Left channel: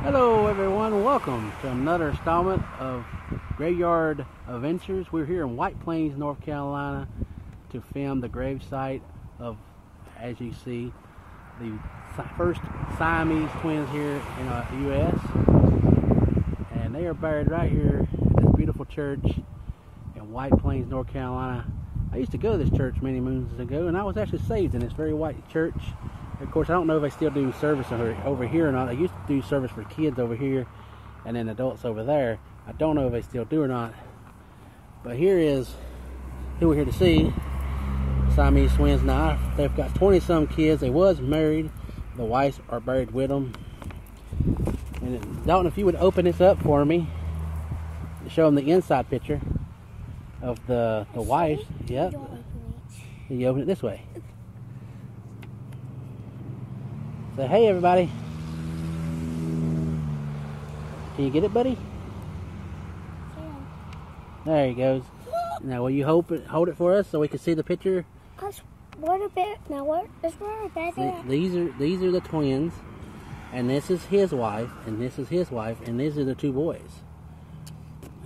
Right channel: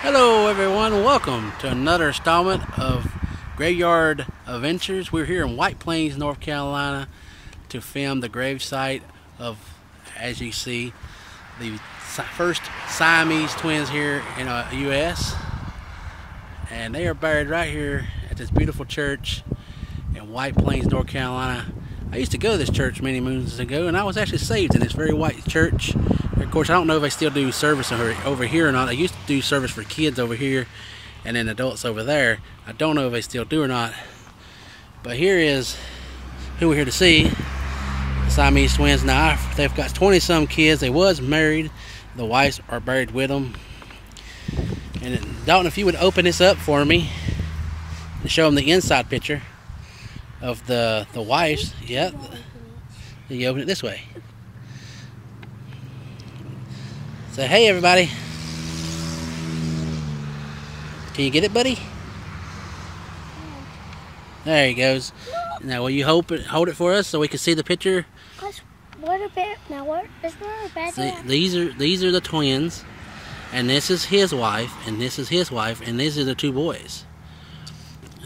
Hello everyone, welcome to another installment of Graveyard Adventures. We're here in White Plains, North Carolina to film the gravesite of, as you see, the first Siamese twins here in the U.S. And they are buried right here at this beautiful church in White Plains, North Carolina. I used to go to this church many moons ago, and I was actually saved in this very white church. Of course, I don't know if they still do service over here or not. They used to do service for kids over here and then adults over there. I don't know if they still do or not. But here is who we're here to see. The Siamese twins. Now, they've got 20-some kids. They was married. The wives are buried with them. And Dalton, if you would open this up for me and show them the inside picture of the wives. Yeah. You open it this way. Say, hey everybody. Can you get it, buddy? Yeah. There he goes. Now, will you hold it for us so we can see the picture? What a bit. Now, what is where a bed? These are the twins, and this is his wife, and this is his wife, and these are the two boys.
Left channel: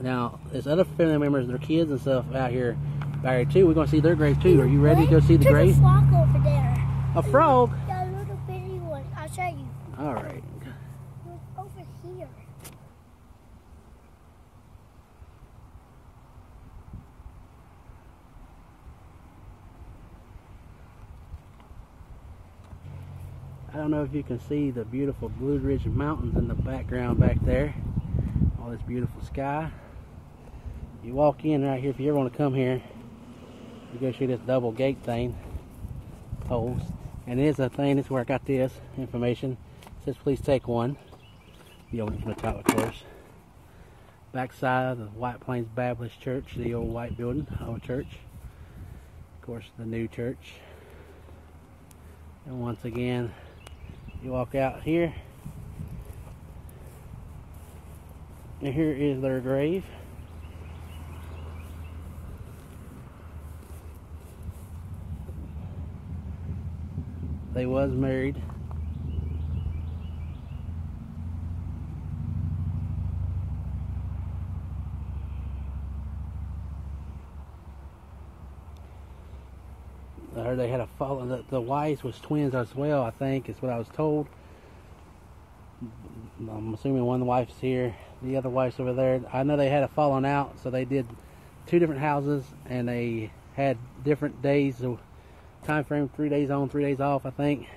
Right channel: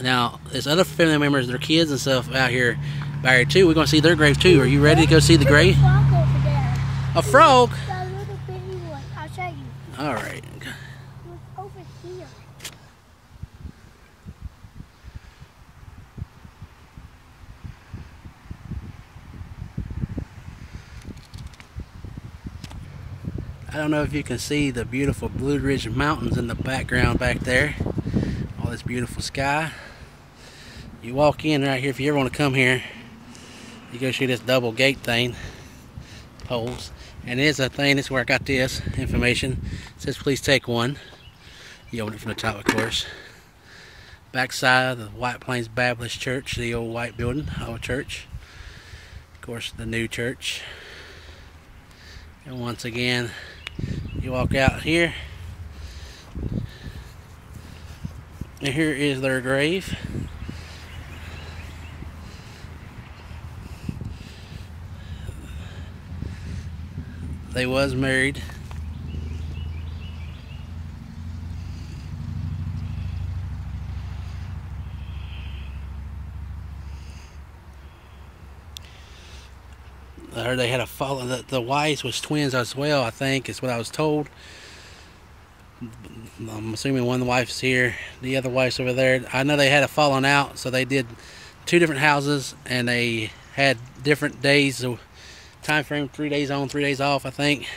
Now, there's other family members, their kids and stuff out here buried too. We're gonna see their grave too. Are you ready to go see the grave? A frog over there. A frog? A little bitty one. I'll show you. All right. Over here. I don't know if you can see the beautiful Blue Ridge Mountains in the background back there. All this beautiful sky. You walk in right here, if you ever want to come here, you go through this double gate thing, poles, and it is a thing. This is where I got this information. It says please take one. You open it from the top, of course. Backside of the White Plains Baptist Church, the old white building, old church. Of course, the new church. And once again, you walk out here, and here is their grave. They was married. I heard they had a fall. The wives was twins as well, I think, is what I was told. I'm assuming one of the wives here, the other wife's over there. I know they had a falling out, so they did two different houses, and they had different days, so time frame, 3 days on, 3 days off, I think.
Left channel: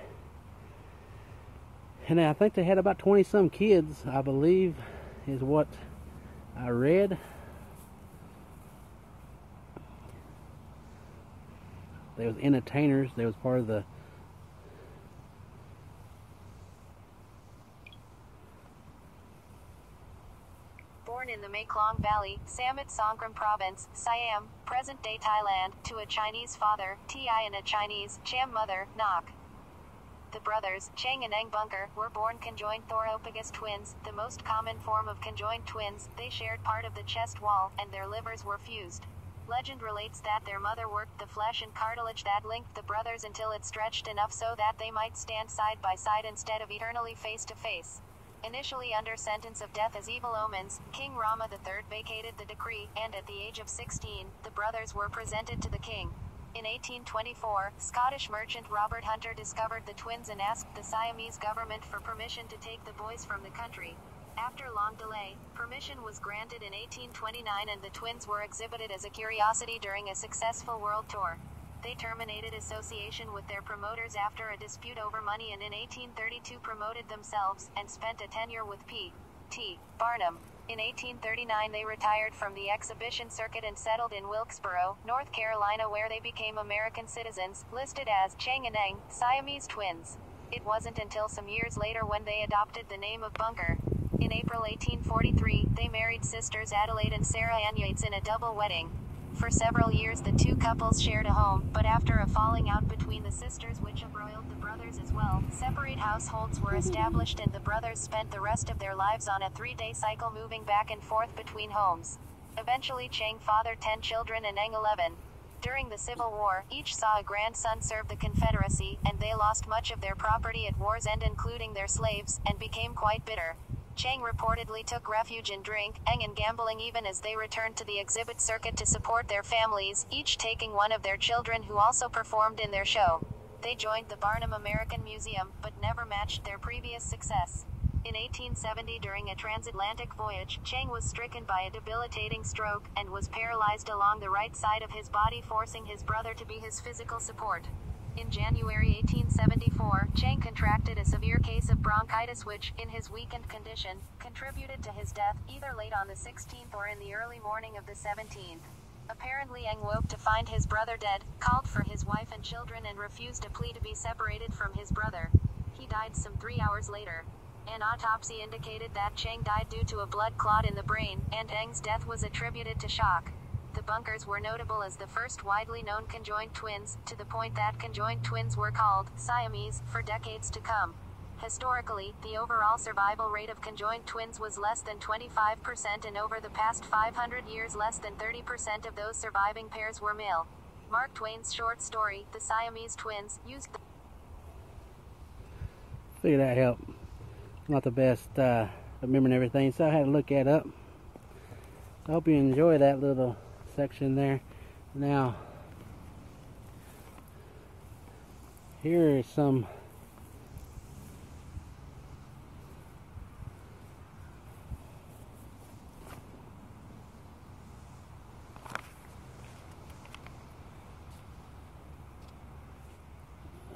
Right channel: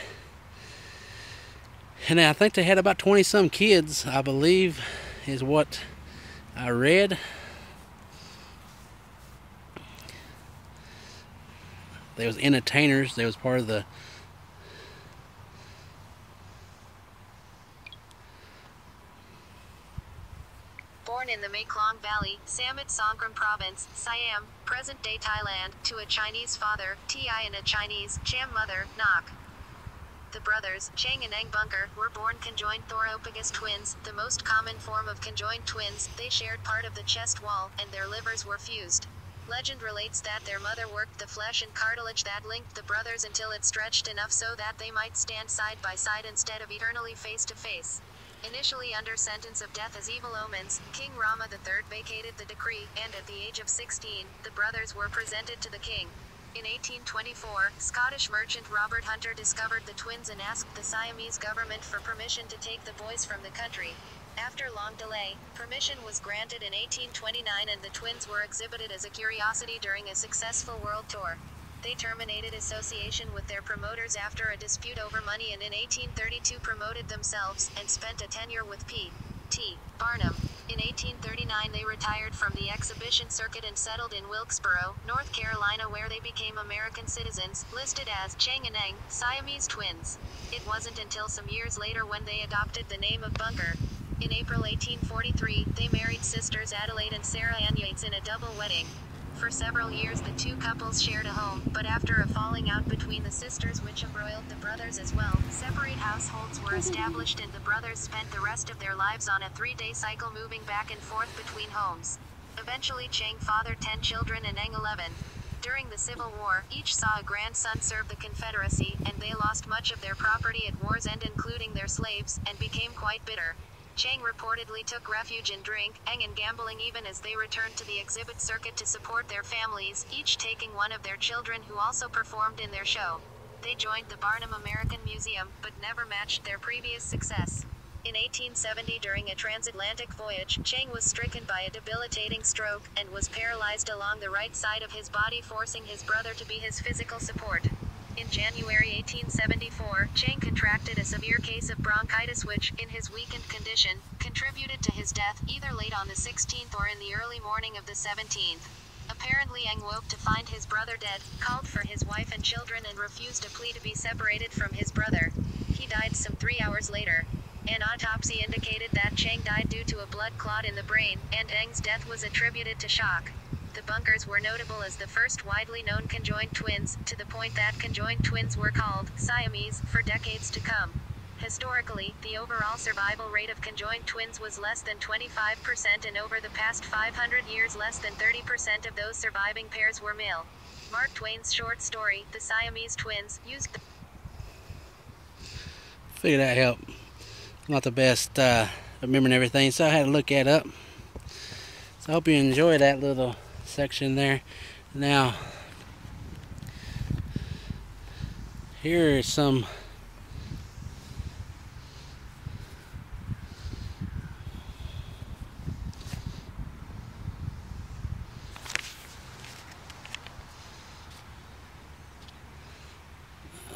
And I think they had about 20-some kids, I believe, is what I read. They was entertainers. They was part of the Born in the Mekong Valley, Samut Songkhram Province, Siam, present-day Thailand, to a Chinese father, Ti, and a Chinese, Cham mother, Nok. The brothers, Chang and Eng Bunker, were born conjoined thorophagus twins, the most common form of conjoined twins. They shared part of the chest wall, and their livers were fused. Legend relates that their mother worked the flesh and cartilage that linked the brothers until it stretched enough so that they might stand side by side instead of eternally face to face. Initially under sentence of death as evil omens, King Rama III vacated the decree, and at the age of 16, the brothers were presented to the king. In 1824, Scottish merchant Robert Hunter discovered the twins and asked the Siamese government for permission to take the boys from the country. After long delay, permission was granted in 1829, and the twins were exhibited as a curiosity during a successful world tour. They terminated association with their promoters after a dispute over money, and in 1832 promoted themselves, and spent a tenure with P.T. Barnum. In 1839 they retired from the exhibition circuit and settled in Wilkesboro, North Carolina, where they became American citizens, listed as Chang and Eng, Siamese twins. It wasn't until some years later when they adopted the name of Bunker. In April 1843, they married sisters Adelaide and Sarah Ann Yates in a double wedding. For several years the two couples shared a home, but after a falling out between the sisters which embroiled the brothers as well, separate households were established, and the brothers spent the rest of their lives on a 3-day cycle moving back and forth between homes. Eventually Chang fathered 10 children and Eng 11. During the Civil War, each saw a grandson serve the Confederacy, and they lost much of their property at war's end, including their slaves, and became quite bitter. Chang reportedly took refuge in drink, Eng and gambling even as they returned to the exhibit circuit to support their families, each taking one of their children who also performed in their show. They joined the Barnum American Museum, but never matched their previous success. In 1870 during a transatlantic voyage, Chang was stricken by a debilitating stroke, and was paralyzed along the right side of his body, forcing his brother to be his physical support. In January 1874, Chang contracted a severe case of bronchitis which, in his weakened condition, contributed to his death, either late on the 16th or in the early morning of the 17th. Apparently Eng woke to find his brother dead, called for his wife and children and refused a plea to be separated from his brother. He died some 3 hours later. An autopsy indicated that Chang died due to a blood clot in the brain, and Eng's death was attributed to shock. The Bunkers were notable as the first widely known conjoined twins, to the point that conjoined twins were called Siamese for decades to come. Historically, the overall survival rate of conjoined twins was less than 25%, and over the past 500 years less than 30% of those surviving pairs were male. Mark Twain's short story, The Siamese Twins, used the Figured that helped. I'm not the best remembering everything, so I had to look that up. So I hope you enjoy that little section there. Now, here is some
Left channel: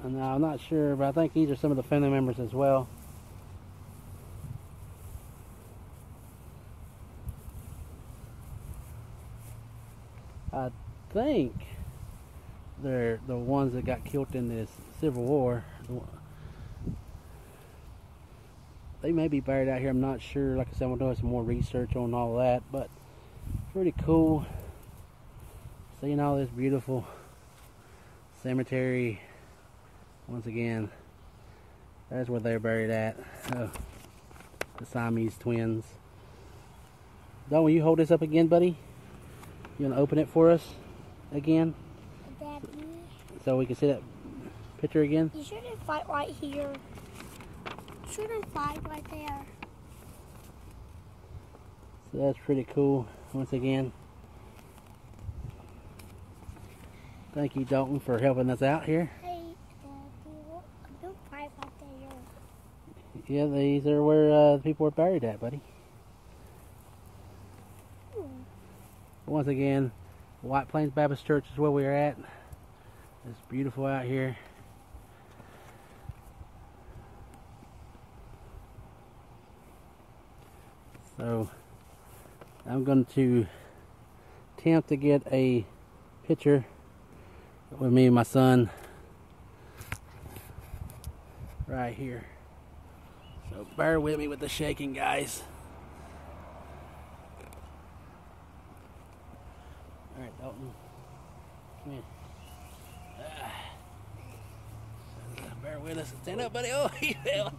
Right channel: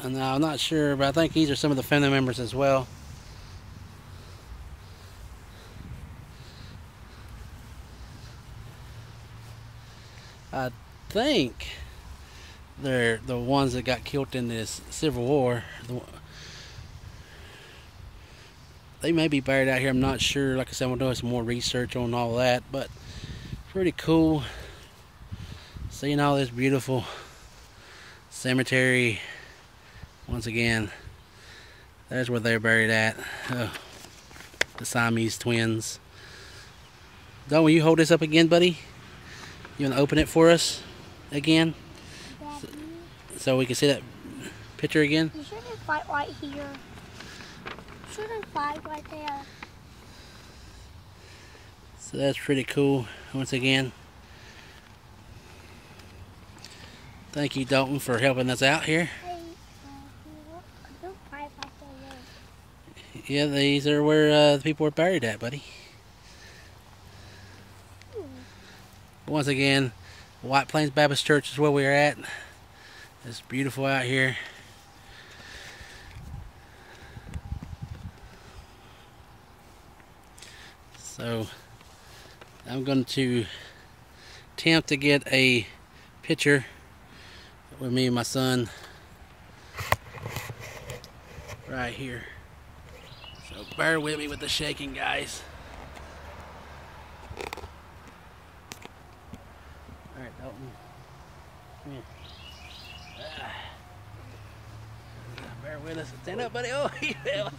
and I'm not sure, but I think these are some of the family members as well. I think they're the ones that got killed in this Civil War. They may be buried out here, I'm not sure. Like I said, I'm doing some more research on all that, but pretty cool seeing all this beautiful cemetery. Once again, that's where they're buried at. The Siamese twins. Don, will you hold this up again, buddy? You want to open it for us again? So we can see that picture again? You shouldn't fight right here. You shouldn't fight right there. So that's pretty cool. Once again, thank you, Dalton, for helping us out here. Hey, don't fight right there. Yeah, these are where the people were buried at, buddy. Once again, White Plains Baptist Church is where we're at. It's beautiful out here. So I'm going to attempt to get a picture with me and my son right here. So bear with me with the shaking, guys. Alright, Dalton. Come here. Bear with us. Stand up, buddy. Oh, he fell.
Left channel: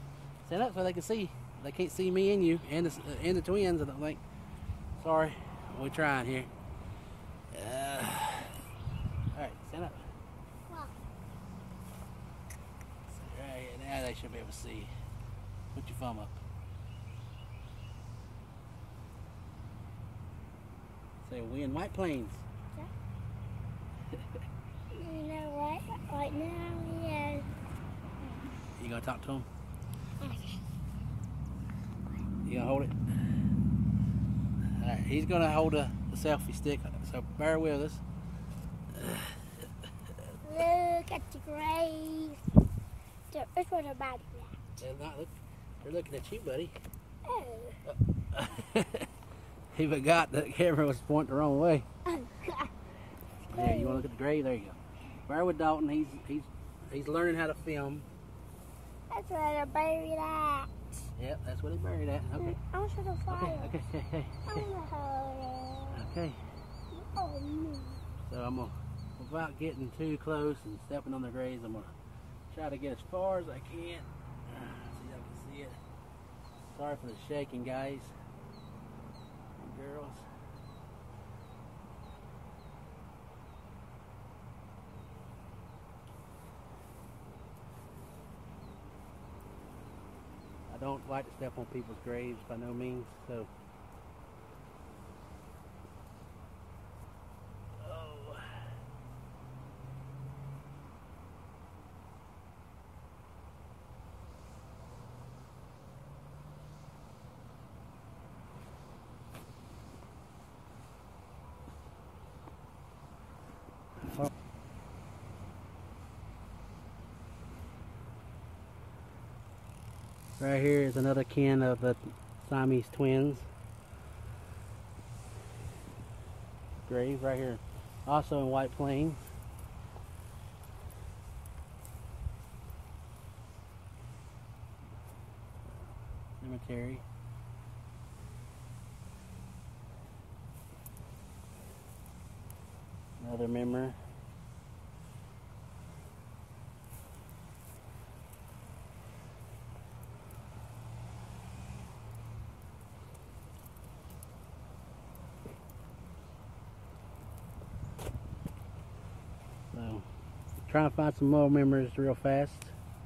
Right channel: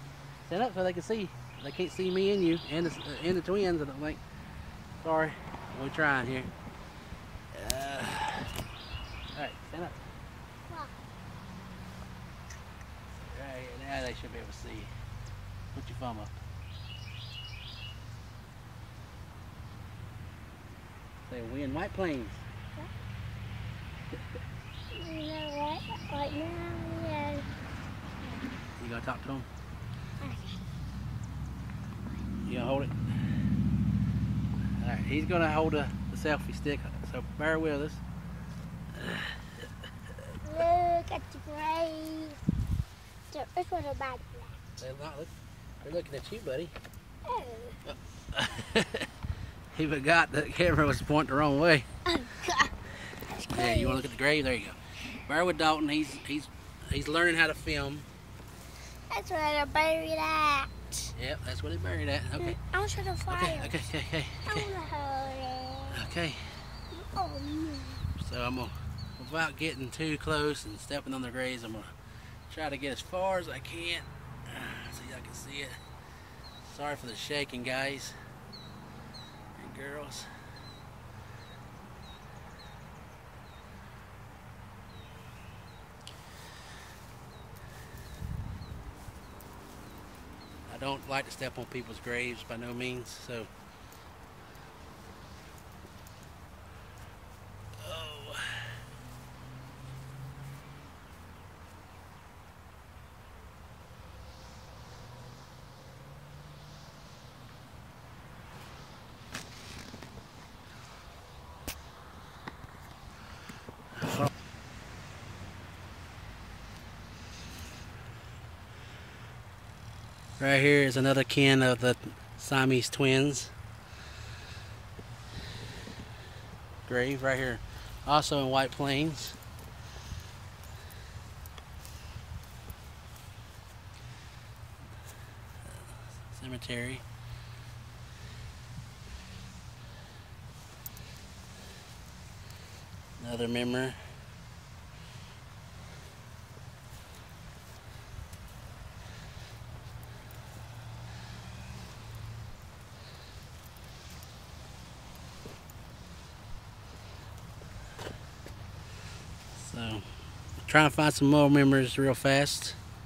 Stand up so they can see. They can't see me and you and the twins, I don't think. Sorry. We're trying here. Alright, stand up. Right here. Now they should be able to see you. Put your thumb up. Say, we in White Plains. You know what? Right now, yeah. You gonna talk to him? You gonna hold it? Alright, he's gonna hold the selfie stick, so bear with us. Look at the grave. It's what about that? They're looking at you, buddy. Oh. He forgot the camera was pointing the wrong way. Oh, God. Yeah, you wanna look at the grave? There you go. Bear with Dalton, he's learning how to film. That's where they're buried at. Yep, that's where they buried at. Okay. I want to show the fire. Okay. I want to hold it. Okay. Oh, no. So I'm gonna, without getting too close and stepping on the graves, I'm gonna try to get as far as I can. See if I can see it. Sorry for the shaking, guys and girls. I don't like to step on people's graves by no means. So. Oh. Right here is another kin of the Siamese twins. Grave right here, also in White Plains. Cemetery. Another member. So, trying to find some more members real fast.